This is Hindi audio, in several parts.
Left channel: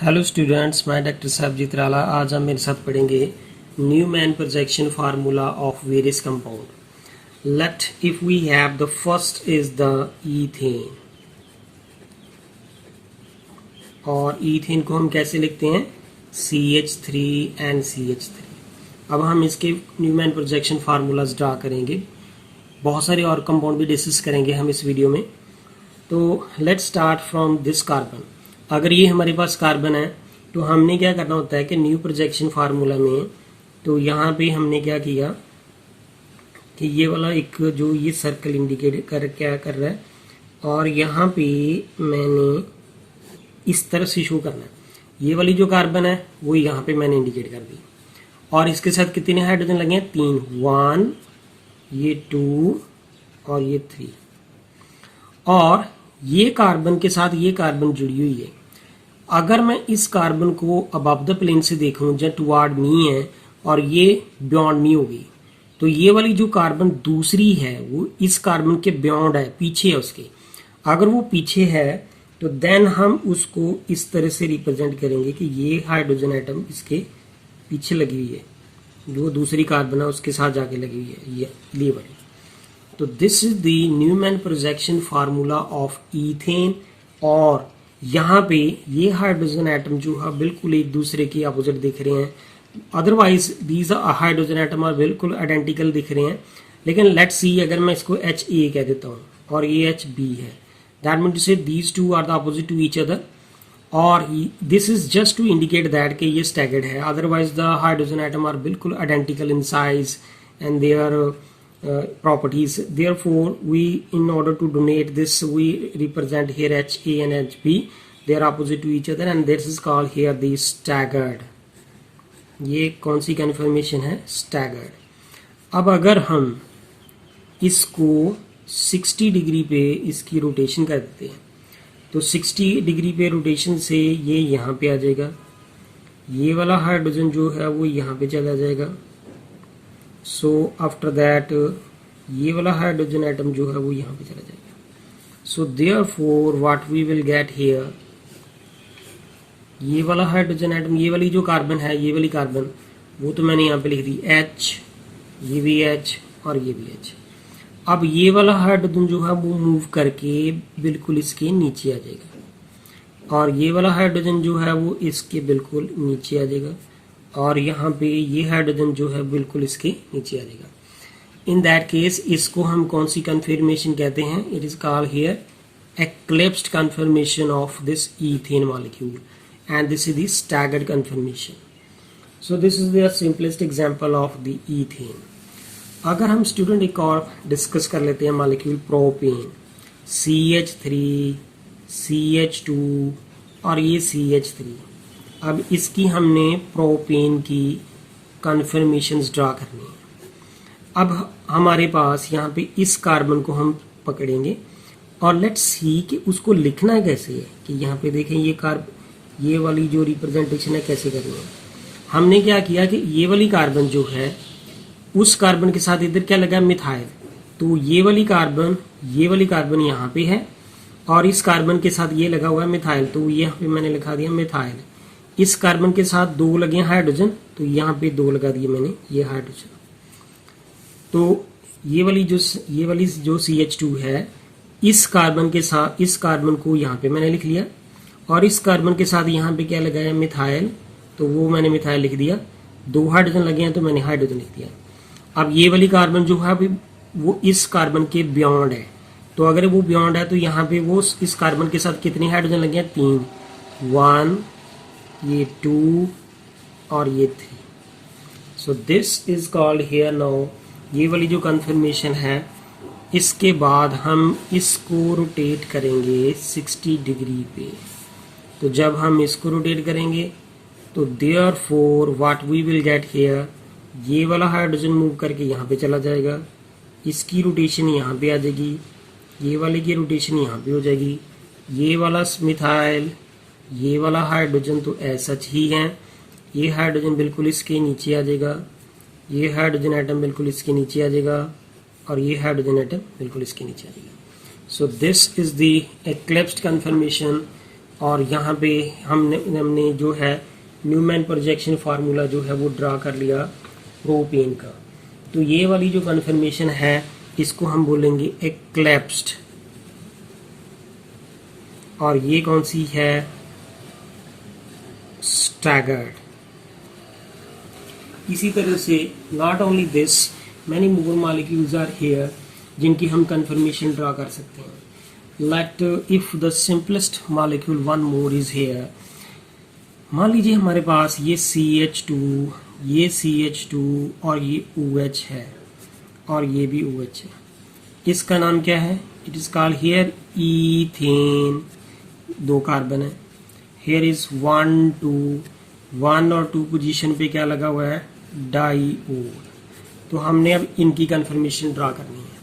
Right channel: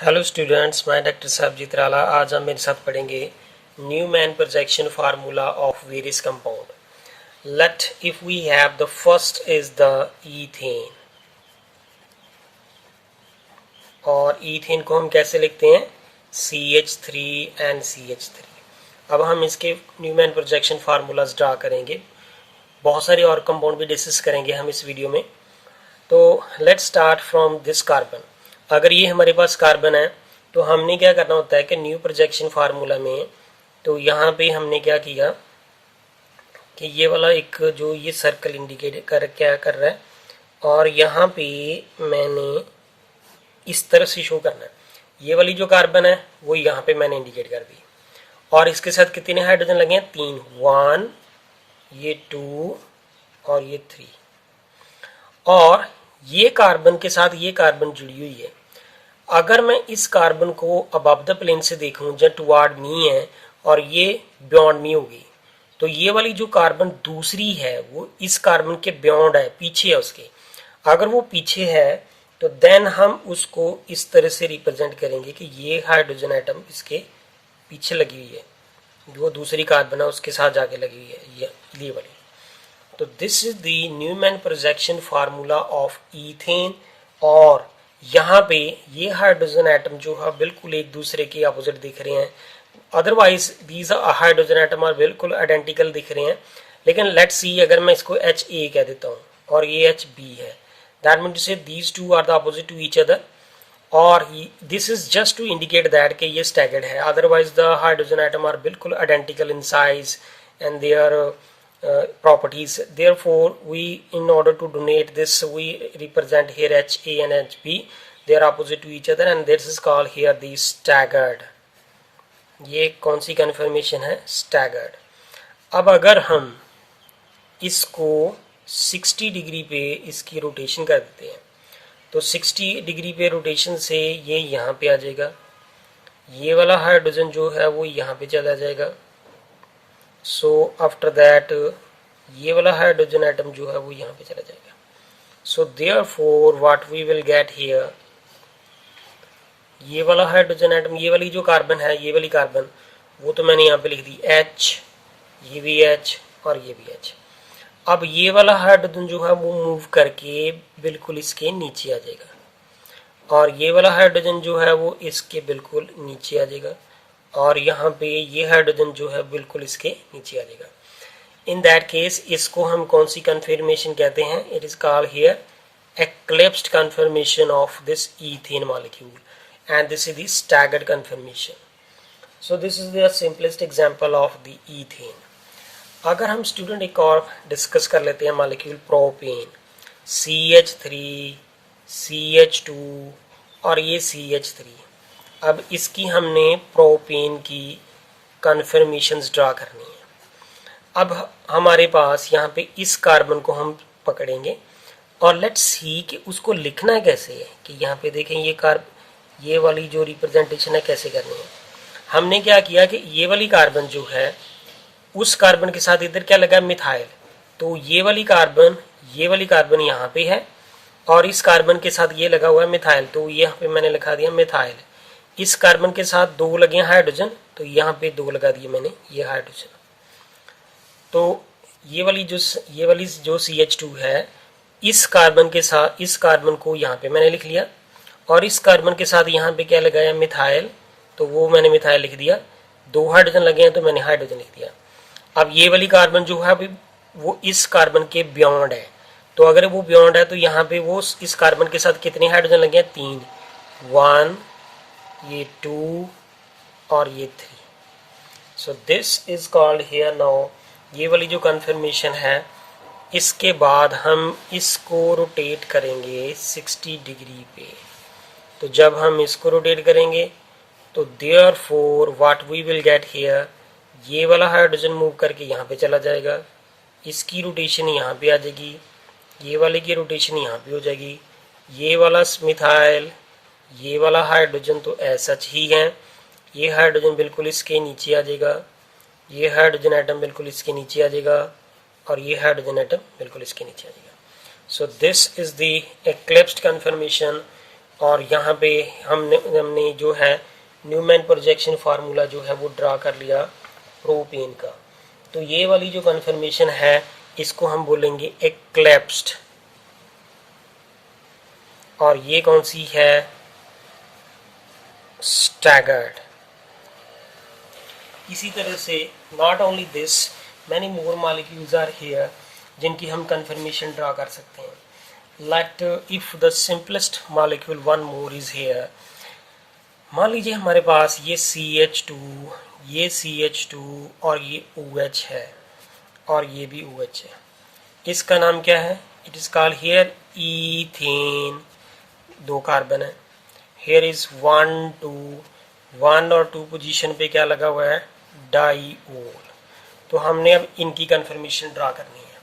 हेलो स्टूडेंट्स, मैं डॉक्टर साहबजीत राला। आज हम मेरे साथ पढ़ेंगे Newman projection formula of various compound. Let if we have the first is the ethane, और ईथेन को हम कैसे लिखते हैं? CH3 NCH3। अब हम इसके न्यूमैन प्रोजेक्शन फार्मूलाज ड्रा करेंगे। बहुत सारे और कंपाउंड भी डिस्कस करेंगे हम इस वीडियो में। तो let's start from this carbon. अगर ये हमारे पास कार्बन है तो हमने क्या करना होता है कि न्यू प्रोजेक्शन फार्मूला में, तो यहाँ पे हमने क्या किया कि ये वाला एक जो ये सर्कल इंडिकेट क्या कर रहा है, और यहाँ पे मैंने इस तरह से शो करना है। ये वाली जो कार्बन है वो यहाँ पे मैंने इंडिकेट कर दी, और इसके साथ कितने हाइड्रोजन लगे हैं? 3। 1, ये 2 और ये 3। और ये कार्बन के साथ ये कार्बन जुड़ी हुई है। अगर मैं इस कार्बन को अबव द प्लेन से देखूं, जब टुवार्ड मी है और ये बियॉन्ड मी होगी, तो ये वाली जो कार्बन दूसरी है वो इस कार्बन के बियॉन्ड है, पीछे है उसके। अगर वो पीछे है तो देन हम उसको इस तरह से रिप्रेजेंट करेंगे कि ये हाइड्रोजन आइटम इसके पीछे लगी हुई है, जो दूसरी कार्बन है उसके साथ जाके लगी हुई है, ये वाली। तो this is the Newman projection formula of ethane. और यहाँ पे ये हाइड्रोजन एटम जो है बिल्कुल एक दूसरे के अपोजिट दिख रहे हैं। Otherwise these hydrogen atom are बिल्कुल आइडेंटिकल दिख रहे हैं। लेकिन लेट्स सी, अगर मैं इसको HA कह देता हूँ और ये HB है, that mean to say these two are the opposite to each other, और this is just to indicate that कि ये स्टैगर्ड है। Otherwise the hydrogen atom are बिल्कुल identical in size and their properties. Therefore, we, in order to donate this, we represent here HA and HB. They are opposite to each other, and this is called here the staggered. ये कौन सी कन्फर्मेशन है? staggered. अब अगर हम इसको 60 डिग्री पे इसकी रोटेशन कर देते हैं, तो 60 डिग्री पे रोटेशन से ये यहाँ पे आ जाएगा। ये वाला हाइड्रोजन जो है वो यहाँ पे चला जाएगा। सो आफ्टर दैट ये वाला हाइड्रोजन एटम जो है वो यहाँ पे चला जाएगा। So therefore what we will get here, ये वाला हाइड्रोजन एटम, ये वाली जो कार्बन है, ये वाली कार्बन, वो तो मैंने यहाँ पे लिख दी H, ये भी H और ये भी H। अब ये वाला हाइड्रोजन जो है वो मूव करके बिल्कुल इसके नीचे आ जाएगा, और ये वाला हाइड्रोजन जो है वो इसके बिल्कुल नीचे आ जाएगा, और यहाँ पे ये हाइड्रोजन जो है बिल्कुल इसके नीचे आ जाएगा। इन दैट केस इसको हम कौन सी कन्फर्मेशन कहते हैं? It is called here eclipsed conformation of this ethane molecule, and this is the staggered conformation. So this is the simplest example of the ethane. अगर हम स्टूडेंट एक और डिस्कस कर लेते हैं मॉलिक्यूल प्रोपेन, CH3 CH2 और ये CH3। अब इसकी हमने प्रोपेन की कन्फर्मेशंस ड्रा करनी है। अब हमारे पास यहाँ पे इस कार्बन को हम पकड़ेंगे और लेट्स सी कि उसको लिखना कैसे है। कि यहाँ पे देखें ये वाली जो रिप्रेजेंटेशन है कैसे करनी है। हमने क्या किया कि ये वाली कार्बन जो है उस कार्बन के साथ इधर क्या लगा? मिथाइल। तो ये वाली कार्बन यहाँ पे है, और इस कार्बन के साथ ये लगा हुआ है मिथाइल, तो यहाँ पे मैंने लिखा दिया मिथाइल। इस कार्बन के साथ 2 लगे हैं हाइड्रोजन, तो यहाँ पे 2 लगा दिए मैंने, ये हाइड्रोजन। तो ये वाली जो CH2 है, इस कार्बन के साथ इस कार्बन को यहाँ पे मैंने लिख लिया, और इस कार्बन के साथ यहाँ पे क्या लगाया? मिथाइल, तो वो मैंने मिथाइल लिख दिया। 2 हाइड्रोजन लगे हैं तो मैंने हाइड्रोजन लिख दिया। अब ये वाली कार्बन जो है वो इस कार्बन के बियॉन्ड है, तो अगर वो बियॉन्ड है तो यहाँ पे वो इस कार्बन के साथ कितने हाइड्रोजन लगे हैं? 3। 1, ये 2 और ये 3। सो this is called here now, ये वाली जो कन्फर्मेशन है। इसके बाद हम इसको रोटेट करेंगे 60 डिग्री पे। तो जब हम इसको रोटेट करेंगे तो therefore what we will get here, ये वाला हाइड्रोजन मूव करके यहाँ पे चला जाएगा, इसकी रोटेशन यहाँ पे आ जाएगी, ये वाले की रोटेशन यहाँ पे हो जाएगी। ये वाला मिथाइल, ये वाला हाइड्रोजन तो ऐसा ही है, ये हाइड्रोजन बिल्कुल इसके नीचे आ जाएगा, ये हाइड्रोजन एटम बिल्कुल इसके नीचे आ जाएगा, और ये हाइड्रोजन एटम बिल्कुल इसके नीचे आ जाएगा। So this is the eclipsed conformation और यहाँ पे हमने जो है न्यूमैन प्रोजेक्शन फार्मूला जो है वो ड्रा कर लिया प्रोपेन का। तो ये वाली जो कन्फर्मेशन है इसको हम बोलेंगे एक्लेप्स्ड, और ये कौन सी है, स्टैगर्ड। इसी तरह से not only this, many more molecules are here जिनकी हम कन्फर्मेशन ड्रा कर सकते हैं। Let if the simplest molecule one more is here. मान लीजिए हमारे पास ये CH2, ये CH2 और ये OH है और ये भी OH है। इसका नाम क्या है? It is called here ethane. 2 carbon है। हियर इज 1 2, 1 और 2 पोजीशन पे क्या लगा हुआ है, डाईओल। तो हमने अब इनकी कन्फर्मेशन ड्रा करनी है।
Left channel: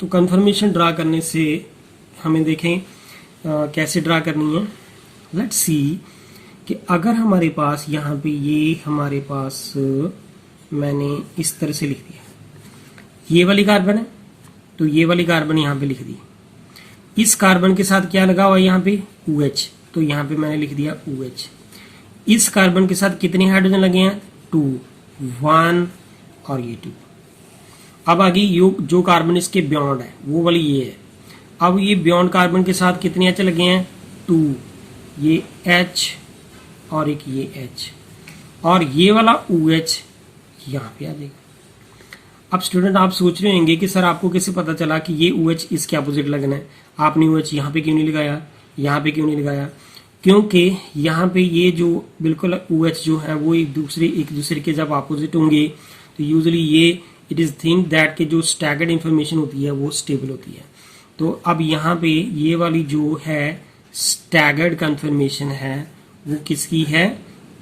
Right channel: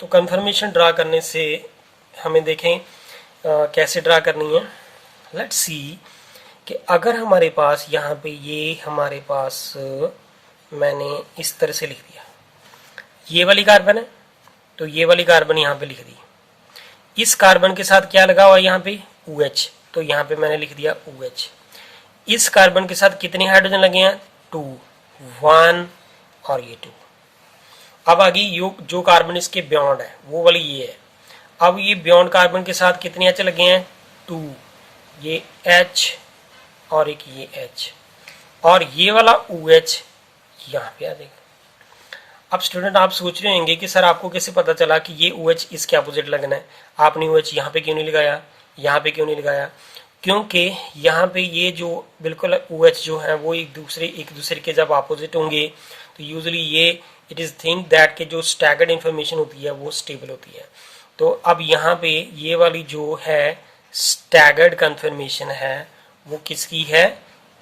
तो कन्फर्मेशन ड्रा करने से हमें देखें कैसे ड्रा करनी है। लेट्स सी कि अगर हमारे पास यहाँ पे ये हमारे पास मैंने इस तरह से लिख दिया, ये वाली कार्बन है तो ये वाली कार्बन यहाँ पे लिख दी। इस कार्बन के साथ क्या लगा हुआ है यहाँ पे, OH, तो यहाँ पे मैंने लिख दिया OH। इस कार्बन के साथ कितने हाइड्रोजन लगे हैं, 2, 1 और ये 2। अब आगे जो कार्बन इसके बियॉन्ड है वो वाली ये है। अब ये बियॉन्ड कार्बन के साथ कितने H लगे हैं, 2, ये H और एक ये H, और ये वाला OH यहाँ पे आ जाएगा। अब स्टूडेंट आप सोच रहे होंगे कि सर आपको कैसे पता चला कि ये OH इसके अपोजिट लगना है, आपने OH यहाँ पे क्यों नहीं लगाया, यहाँ पे क्यों नहीं लगाया? क्योंकि यहाँ पे ये जो बिल्कुल OH जो है वो एक दूसरे के जब अपोजिट होंगे तो यूजुअली ये इट इज़ थिंक दैट के जो स्टैगर्ड इन्फॉर्मेशन होती है वो स्टेबल होती है। तो अब यहाँ पे ये वाली जो है स्टैगर्ड कन्फर्मेशन है वो किसकी है,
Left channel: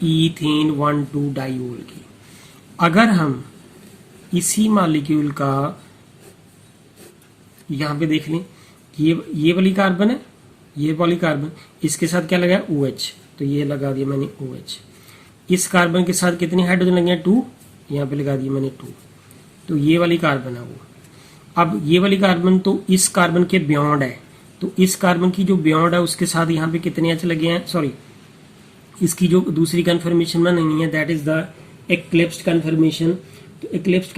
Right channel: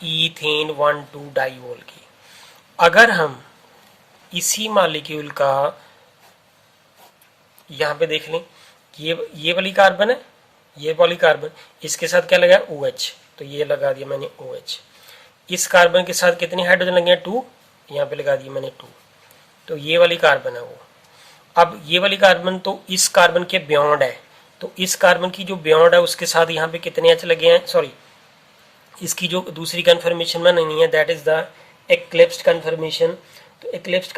ईथेन 1,2 डाइओल की। अगर हम इसी मॉलिक्यूल का यहाँ पे देख लें, ये वाली कार्बन है, ये वाली कार्बन, इसके साथ क्या लगा है, OH, तो ये लगा दिया मैंने OH। इस कार्बन के साथ कितने हाइड्रोजन लगे हैं, 2, यहाँ पे लगा दिया मैंने 2, तो ये वाली कार्बन है वो। अब ये वाली कार्बन तो इस कार्बन के बियॉन्ड है, तो इस कार्बन की जो बियॉन्ड है उसके साथ यहाँ पे कितने H लगे हैं, सॉरी इसकी जो दूसरी कन्फर्मेशन बनानी है that is the eclipsed conformation. तो एक्लिप्स्ड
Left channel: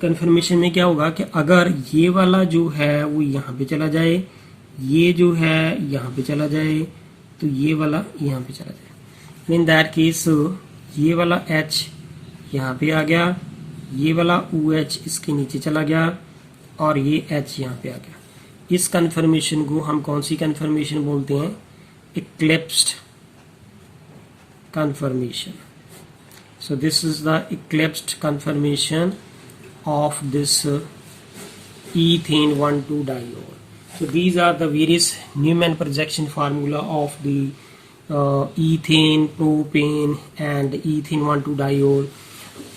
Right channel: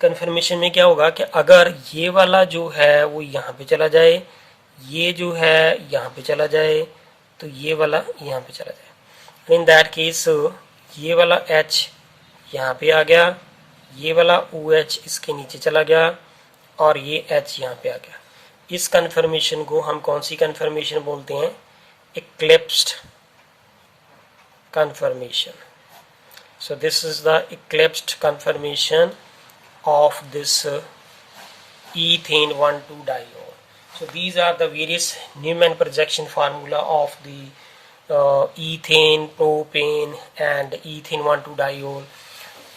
कन्फर्मेशन में क्या होगा कि अगर ये वाला जो है वो यहाँ पे चला जाए, ये जो है यहाँ पे चला जाए, तो ये वाला यहाँ पे चला जाए। इन दैट केस ये वाला H यहाँ पे आ गया, ये वाला OH इसके नीचे चला गया और ये H यहाँ पे आ गया। इस कन्फर्मेशन को हम कौन सी कन्फर्मेशन बोलते हैं, एक्लिप्स्ड confirmation. So this is the eclipsed confirmation of this ethane 1,2 diol. So these are the various Newman projection formula of the ethane, propane and ethane 1,2 diol.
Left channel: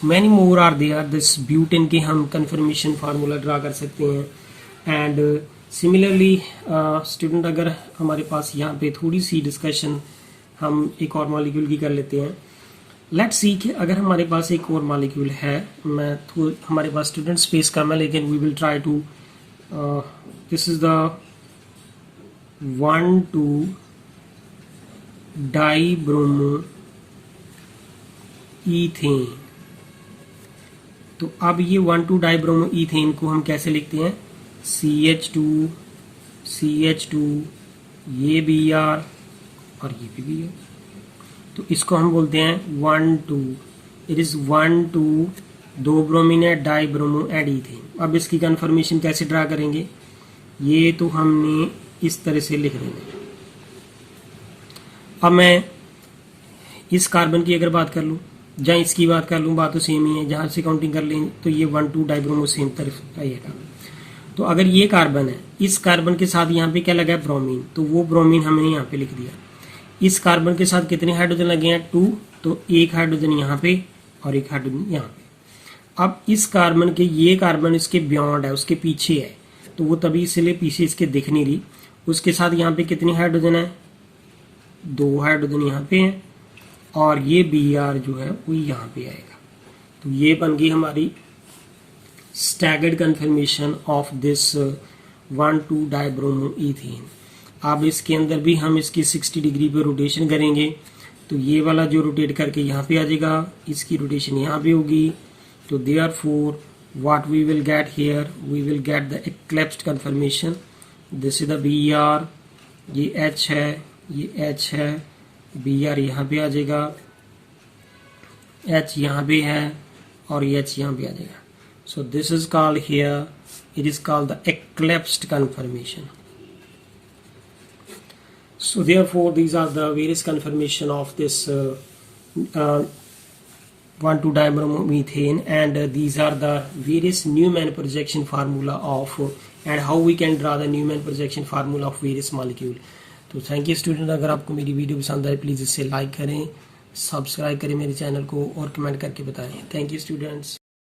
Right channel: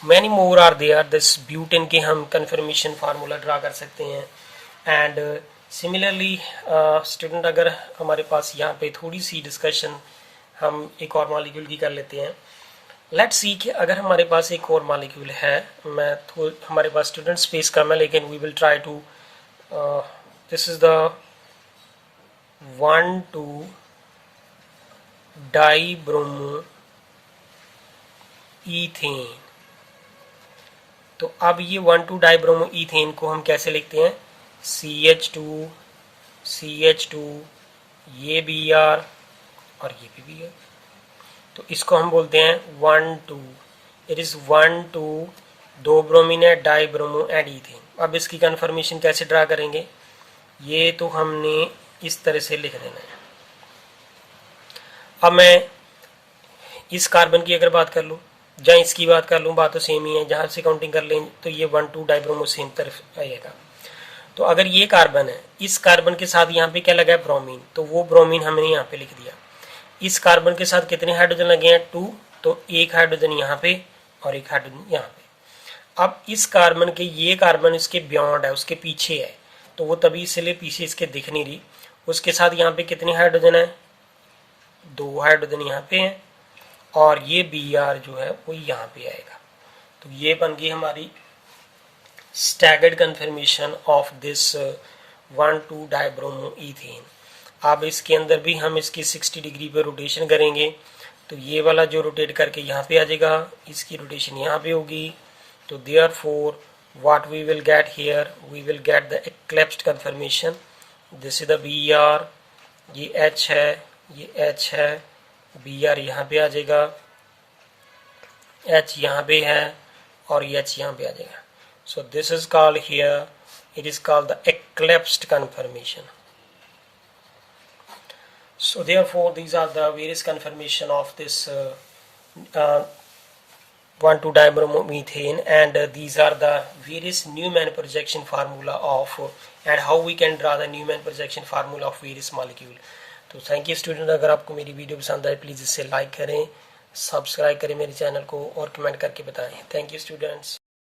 Many more are there. This butane के हम confirmation formula draw कर सकते हैं। And similarly student अगर हमारे पास यहाँ पे थोड़ी सी discussion हम एक और मॉलिक्यूल की कर लेते हैं। लेट्स सी कि अगर हमारे पास एक और मॉलिक्यूल है, मैं तो हमारे पास स्टूडेंट स्पेस कम है लेकिन we will try to, this is the 1,2 dibromo ethane. तो अब ये 1,2 डाइब्रोमो ईथेन को हम कैसे लिखते हैं, CH2 CH2 ये Br और ये भी है, तो इसको हम बोलते हैं 1,2। इट इज 1,2 2 ब्रोमीन है, डाई ब्रोमो एंड ईथेन। अब इसकी कन्फर्मेशन कैसे ड्रा करेंगे, ये तो हमने इस तरह से लिख देना है। अब मैं इस कार्बन की अगर बात कर लूँ जहाँ इसकी बात कर लूँ, बात तो सेम ही है, जहाँ से काउंटिंग कर लें तो ये 1,2 डाइब्रोमो सेम तरफ आएगा। तो अगर ये कार्बन है, इस कार्बन के साथ यहाँ पे क्या लगा है, ब्रोमीन, तो वो ब्रोमीन हमने यहाँ पे लिख दिया। इस कार्बन के साथ कितने हाइड्रोजन लगे हैं, 2, तो एक हाइड्रोजन यहाँ पे और एक हाइड्रोजन यहाँ पे। अब इस कार्बन के ये कार्बन इसके बियॉन्ड है, उसके पीछे है, तो वो तभी इसलिए पीछे इसके दिख नहीं रही। उसके साथ यहाँ पे कितने हाइड्रोजन है, 2 हाइड्रोजन यहाँ पे है और ये Br जो है वो यहाँ पे आएगा। तो ये बन गई हमारी staggered conformation of this 1,2 dibromo ethane. अब इसके अंदर भी हम इसकी 60 डिग्री पे रोटेशन करेंगे, तो ये वाला जो रोटेट करके यहाँ पे आ जाएगा, इसकी रोटेशन यहाँ पे होगी। तो therefore what we will get here, we will get the eclipsed conformation. This is the B R, ये एच है, ये एच है, बी आर यहाँ पे आ जाएगा, एच यहाँ पे है और ये एच यहाँ पे आ जाएगा। So this is called here, it is called the eclipsed conformation. So therefore these are the various conformation of this 1,2 dibromethane, and these are the various Newman projection formula of and how we can draw the Newman projection formula of various molecule. तो थैंक यू स्टूडेंट, अगर आपको मेरी वीडियो पसंद आए प्लीज़ इसे लाइक करें, सब्सक्राइब करें मेरे चैनल को और कमेंट करके बताएं। Thank you students.